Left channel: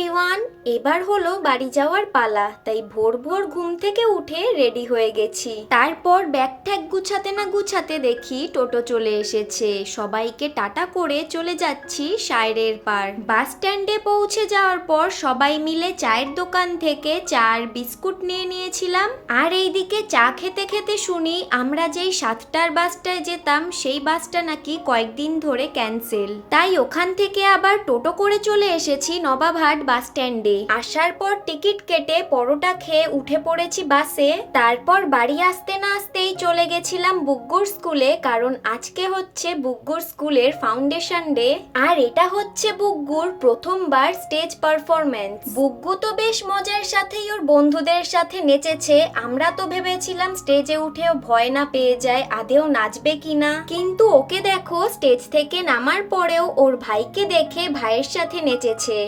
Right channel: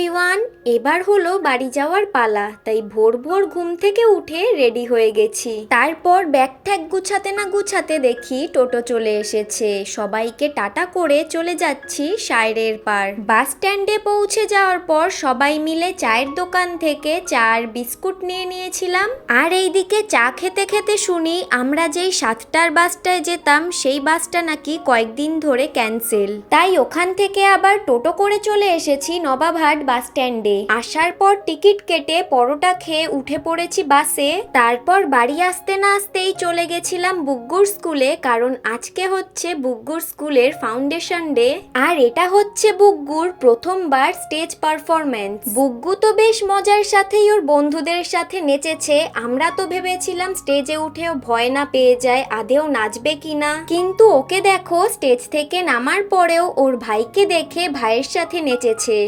Everyone, এবার হলো বাড়ি যাওয়ার পালা। তাই ভোর ভোর ঘুম থেকে উঠে রেডি হয়ে গেছি। তারপর ব্যাগ ট্যাগ গুছাতে না গুছাতে দেখি টোটো চলে এসেছে। সবাইকে টাটা করে চলে যাচ্ছি সায়রের পার। বাস স্ট্যান্ডে পৌঁছে যাওয়ার পর সবাই মিলে চায়ের দোকান থেকে চা আর বিস্কুট নিয়ে নিয়েছিলাম। আর এইদিকে চা খেতে খেতে শুনি আমরা যেই 7টার বাসটায় যেতাম সেই বাসটা নাকি কয়েকদিন ধরে ক্যান্সেল। তাই ওখান থেকে আবার টোটো করে চলে এসেছি নবাবহাট বাস স্ট্যান্ডে। আসার পর টিকিট কেটে পরোটা খেয়ে উঠে পড়েছি বাসে। তারপর বাড়ি আসতে না আসতেই চলে গেছিলাম বুগ্গুর স্কুলে, কারণ আজকে হচ্ছে বুগ্গুর স্কুলের ফাউন্ডেশন ডে। আর এটা হচ্ছে বুগ্গুর প্রথমবার স্টেজ পারফরমেন্স। বুগ্গু তো বেশ মজার সাথেই ওর বন্ধুদের সাথে নেচেছে। আমরা তো ভেবেছিলাম স্টেজে উঠেও ভয় না পেয়ে যায়, আদেও নাচবে কিনা। কিন্তু ওকে দেখো, স্টেজ থেকে নামার পরেও ওর ভাইকে দেখে ভাইয়ের সাথে নেচেছে।